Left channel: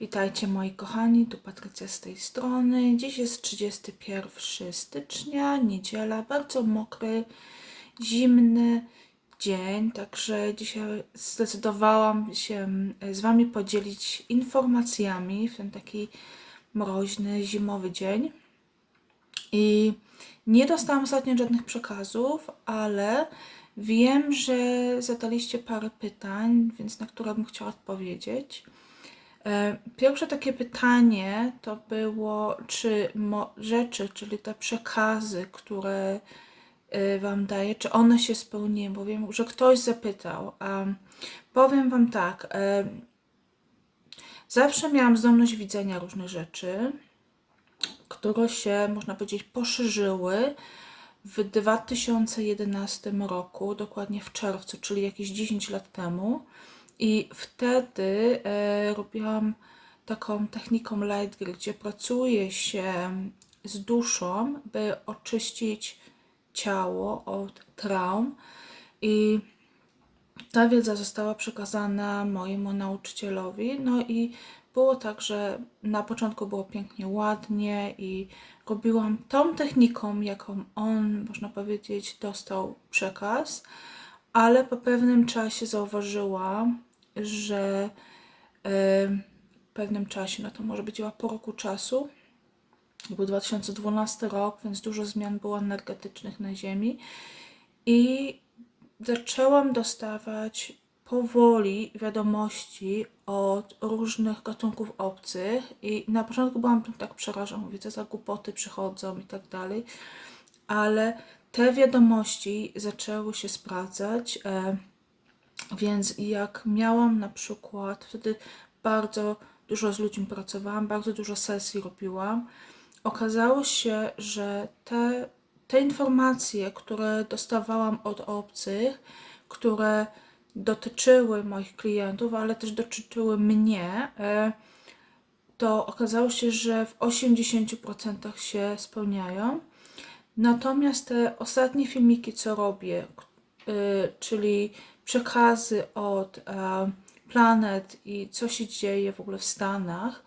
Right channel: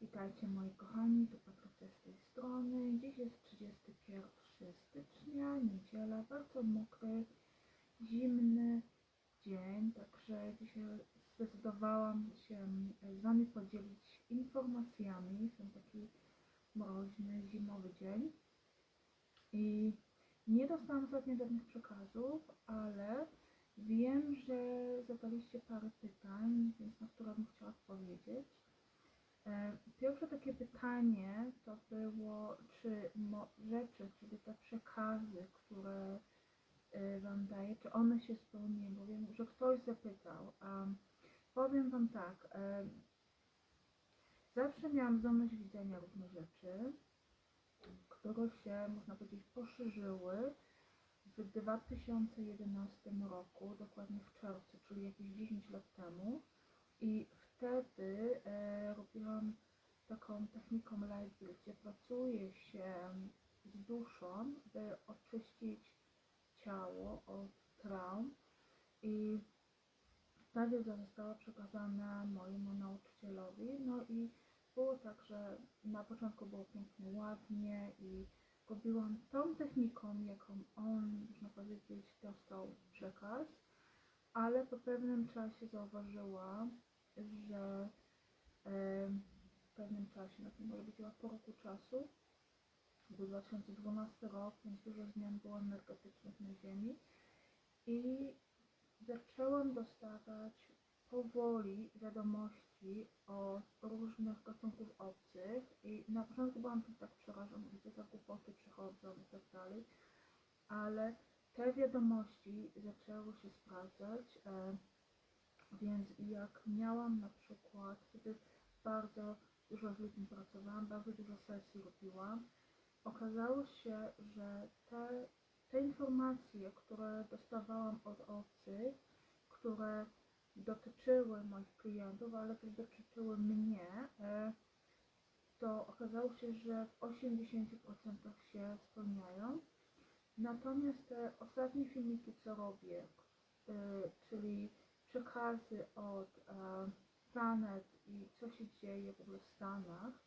Witajcie moi kochani, tu Patrycja z tej strony. Dziś jest 31 stycznia, niedziela, bardzo mokry, zimny dzień, także dzisiaj zdecydowałam się z Wami podzielić informacjami w ten taki mroźny, zimowy dzień. I nie dostałam ostatnio żadnych przekazów, ale wiem, że zadaliście parę pytań, więc na które bym chciała odpowiedzieć. E, Pierwsze takie pytanie to było, czy rzeczy, czyli te przekazy, które y, Wam daję, czy one się spełniły, bo wiem, że ktoś zapytał. Powiem Wam tak, e, zawsze miałam zdolność widzenia różnych rzeczy, które się, można powiedzieć, poszerzyły w 2011 roku, dokładnie w czerwcu, czyli jakieś 10 lat temu. I wtedy e, robiłam taką techniką light gdzie pracuje się z duszą, by oczyścić ciało od traum. I ta wiedza została przekazana mojemu nauczycielowi. No i było tak, że na początku było pięknie, ładnie i robiłam tą techniką, jaką on, można powiedzieć, dostał przekaz, ale po pewnym czasie zauważyłam, że w pewnym czasie, no to może być chyba po roku czasu, był 2012 rok, więc dużo zmian było energetycznych na Ziemi i zaczęłam dostawać powoli wiadomości od różnych gatunków obcych i na początku byłam tak przerażona, mówię, co za głupoty przychodzą i tak dalej, ale te wiadomości zaczęły się sprawdzać, e, więc jak miałam na przykład, wtedy bardzo dużo z ludźmi pracowałam, bardzo dużo sesji robiłam, okazało się, że te, te informacje, które dostawałam od obcych, które dotyczyły moich klientów, ale też dotyczyły mnie, e, to okazało się, że w 80% się spełniają. Natomiast te ostatnie filmiki, co robię, y, czyli przekazy od e, planet i co się dzieje w ogóle w Stanach,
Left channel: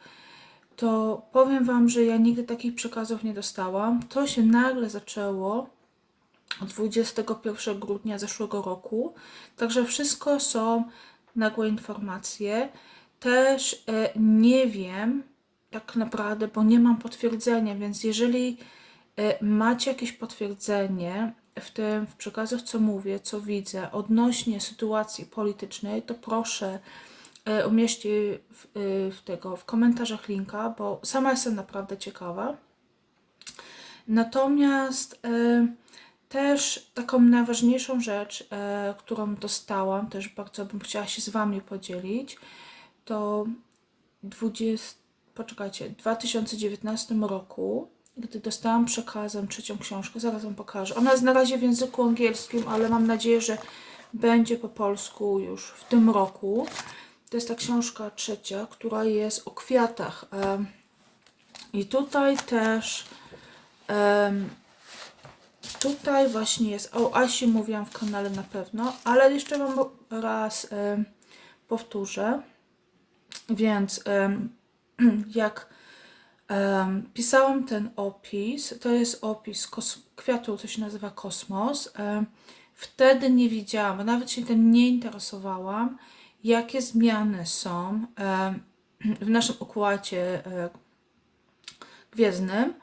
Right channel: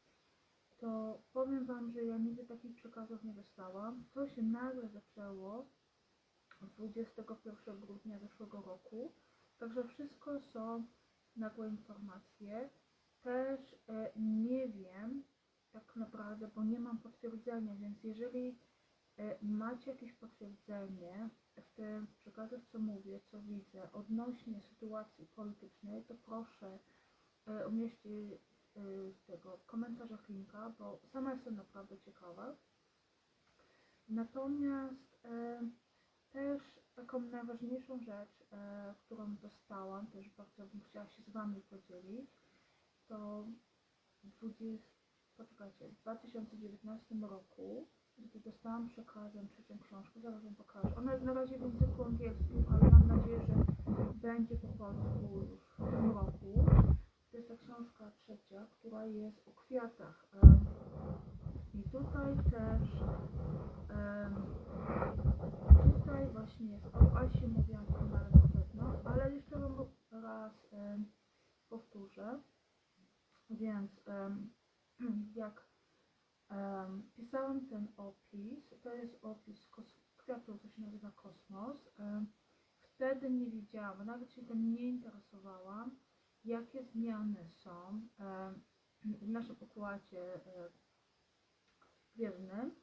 to powiem Wam, że ja nigdy takich przekazów nie dostałam. To się nagle zaczęło 21 grudnia zeszłego roku. Także wszystko są nagłe informacje. Też e, nie wiem tak naprawdę, bo nie mam potwierdzenia, więc jeżeli macie jakieś potwierdzenie w tym, w przekazach, co mówię, co widzę odnośnie sytuacji politycznej, to proszę e, umieśćcie w, e, w tego w komentarzach linka, bo sama jestem naprawdę ciekawa. Natomiast e, też taką najważniejszą rzecz, e, którą dostałam, też bardzo bym chciała się z Wami podzielić, to 20, poczekajcie, w 2019 roku, gdy dostałam przekazem trzecią książkę, zaraz Wam pokażę. Ona jest na razie w języku angielskim, ale mam nadzieję, że będzie po polsku już w tym roku. To jest ta książka trzecia, która jest o kwiatach. I tutaj też Tutaj właśnie jest, o Asi mówiłam w kanale na pewno, ale jeszcze Wam raz powtórzę. Więc jak em, pisałam ten opis, to jest opis kos- kwiatu, to się nazywa kosmos. em, wtedy nie widziałam, nawet się tym nie interesowałam, jakie zmiany są em, w naszym układzie e, gwiezdnym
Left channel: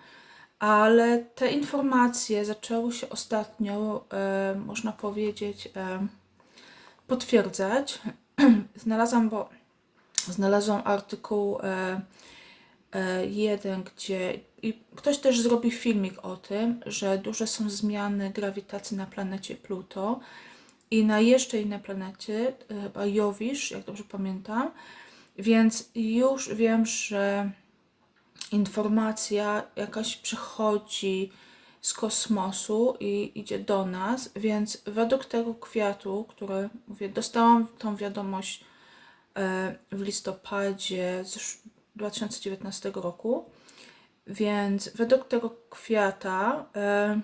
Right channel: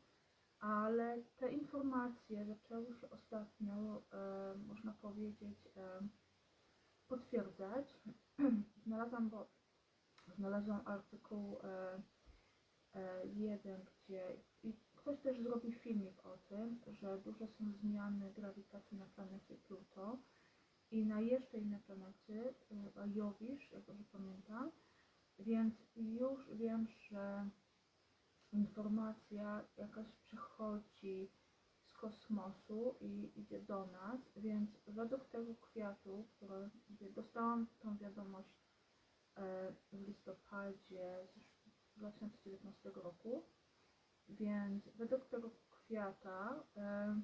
ale te informacje zaczęły się ostatnio, e, można powiedzieć, e, potwierdzać. Znalazłam, bo znalazłam artykuł e, jeden, gdzie i ktoś też zrobił filmik o tym, że duże są zmiany grawitacji na planecie Pluto i na jeszcze innej planecie, e, chyba Jowisz, jak dobrze pamiętam, więc już wiem, że informacja jakaś przychodzi z kosmosu i idzie do nas, więc według tego kwiatu, który mówię, dostałam tą wiadomość e, w listopadzie 2019 roku, więc według tego kwiata e,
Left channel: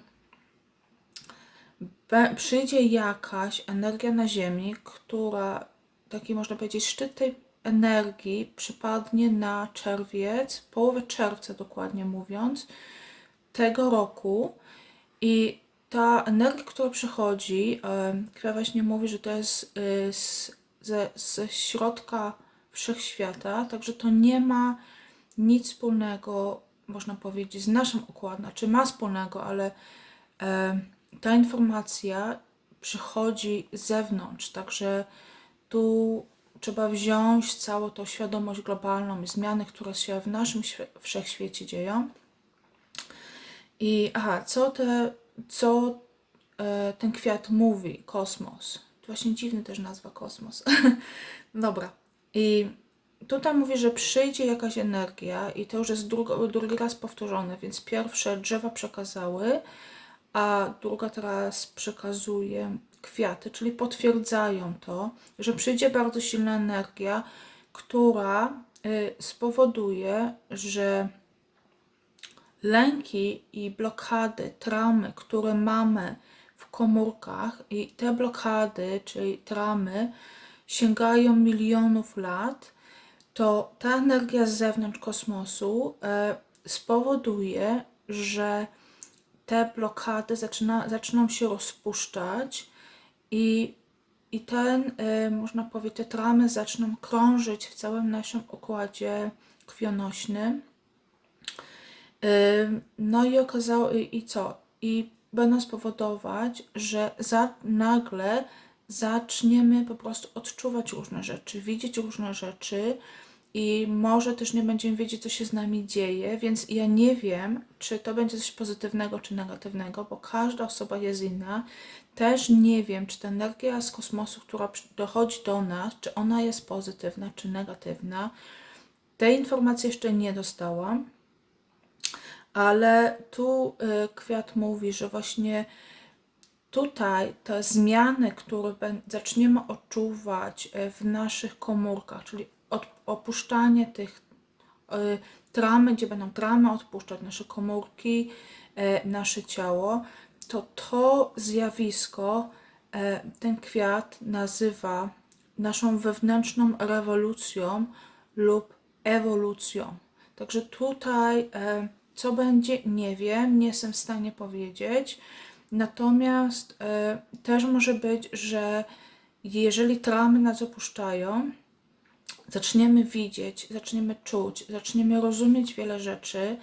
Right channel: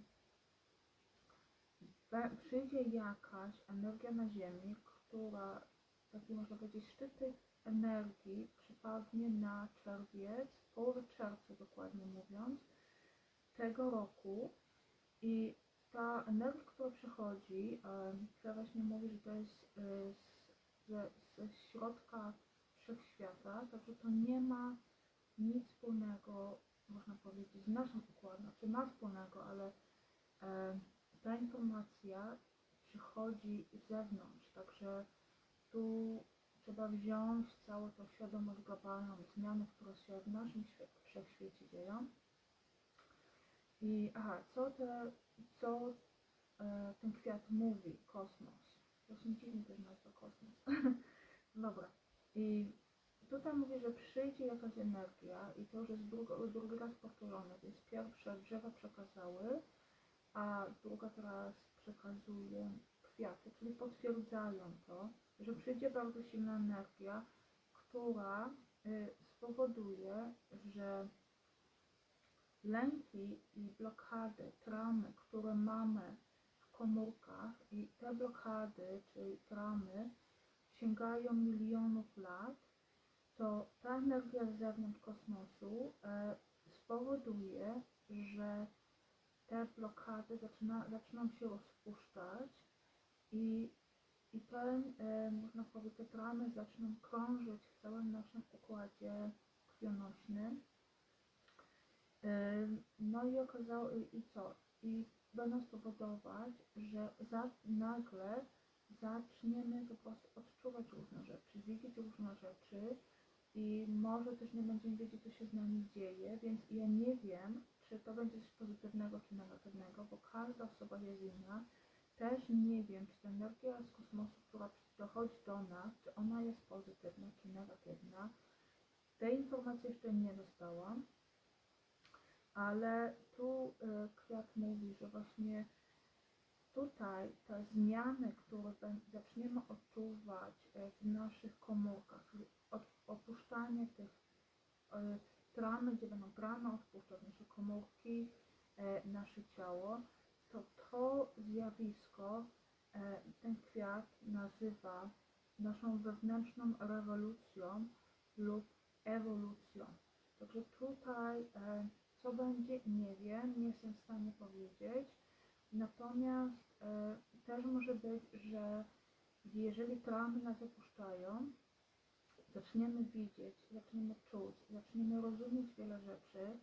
przyjdzie jakaś energia na Ziemi, która taki można powiedzieć szczyt tej energii przypadnie na czerwiec, połowę czerwca dokładnie mówiąc, tego roku. I ta energia, która przychodzi, Kwiat właśnie mówi, że to jest y, z, ze, ze środka wszechświata, także to nie ma nic wspólnego, można powiedzieć, z naszym układem, znaczy ma wspólnego, ale e, ta informacja przychodzi z zewnątrz, także tu trzeba wziąć całą tą świadomość globalną zmiany, które się w naszym świe- wszechświecie dzieją. I aha, co, te, co e, ten kwiat mówi, kosmos. To właśnie dziwny też nazwa kosmos. Dobra. I tutaj mówi, że przyjdzie jakaś energia i to już jest drugi raz powtórzone, więc pierwsze drzewa przekazały, a druga teraz przekazuje kwiaty, czyli potwierdzają to, że przyjdzie bardzo silna energia, która y, spowoduje, że lęki i blokady, traumy, które mamy w komórkach, i te blokady, czyli traumy, sięgają milionów lat, to ta energia z zewnątrz kosmosu e, spowoduje, że te blokady zaczyna, zaczną się rozpuszczać i, i ten, e, można powiedzieć, te traumy zaczną krążyć w całym naszym układzie krwionośnym. Ym, No i okazało, i co? I będą spowodować, że za, nagle zaczniemy po prostu odczuwać różne rzeczy, widzieć różne rzeczy i może też nie będziemy wiedzieć, co się z nami dzieje, więc ja nie wiem, czy to będzie coś pozytywnego, czy negatywnego, bo każda osoba jest inna. Też nie wiem, czy ta energia z kosmosu, która dochodzi do nas, czy ona jest pozytywna, czy negatywna. Tej informacji jeszcze nie dostałam. Ale tu y, kwiat mówi, że właśnie tutaj te zmiany, które zaczniemy odczuwać y, w naszych komórkach, czyli opuszczanie tych y, tramy, gdzie będą tramy odpuszczać nasze komórki, y, nasze ciało, to to zjawisko ten kwiat nazywa naszą wewnętrzną rewolucją lub ewolucją. Także tutaj e, co będzie, nie wiem, nie jestem w stanie powiedzieć. Natomiast e, też może być, że jeżeli traumy nas opuszczają, zaczniemy widzieć, zaczniemy czuć, zaczniemy rozumieć wiele rzeczy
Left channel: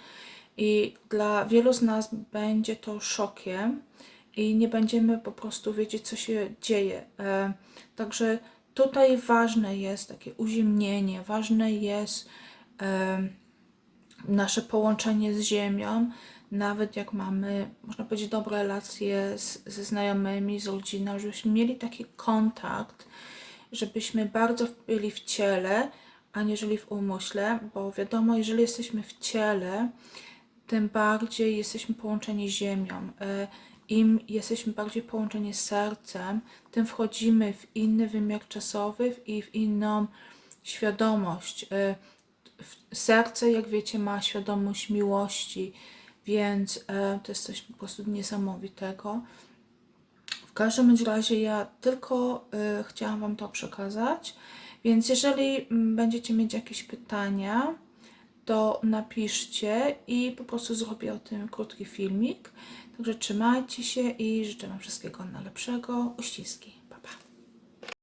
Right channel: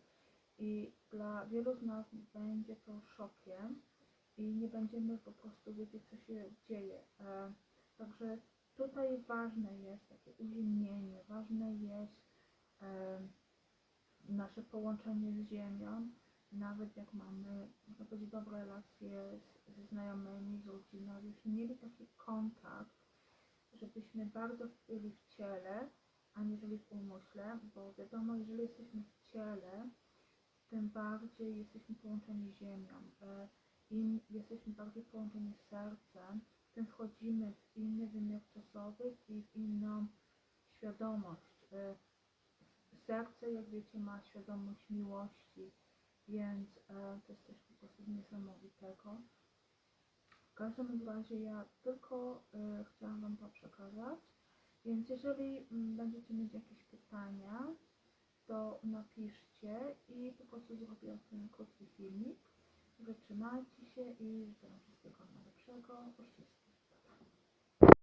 i dla wielu z nas będzie to szokiem i nie będziemy po prostu wiedzieć, co się dzieje. E, Także tutaj ważne jest takie uziemnienie, ważne jest e, nasze połączenie z Ziemią, nawet jak mamy, można powiedzieć, dobre relacje z, ze znajomymi, z rodziną, żebyśmy mieli taki kontakt, żebyśmy bardzo byli w ciele, aniżeli w umyśle, bo wiadomo, jeżeli jesteśmy w ciele, tym bardziej jesteśmy połączeni z Ziemią. E, Im jesteśmy bardziej połączeni z sercem, tym wchodzimy w inny wymiar czasowy i w inną świadomość. E, Serce, jak wiecie, ma świadomość miłości, więc e, to jest coś po prostu niesamowitego. W każdym razie ja tylko y, chciałam Wam to przekazać, więc jeżeli mm, będziecie mieć jakieś pytania, to napiszcie i po prostu zrobię o tym krótki filmik. Także trzymajcie się i życzę Wam wszystkiego najlepszego. Uściski.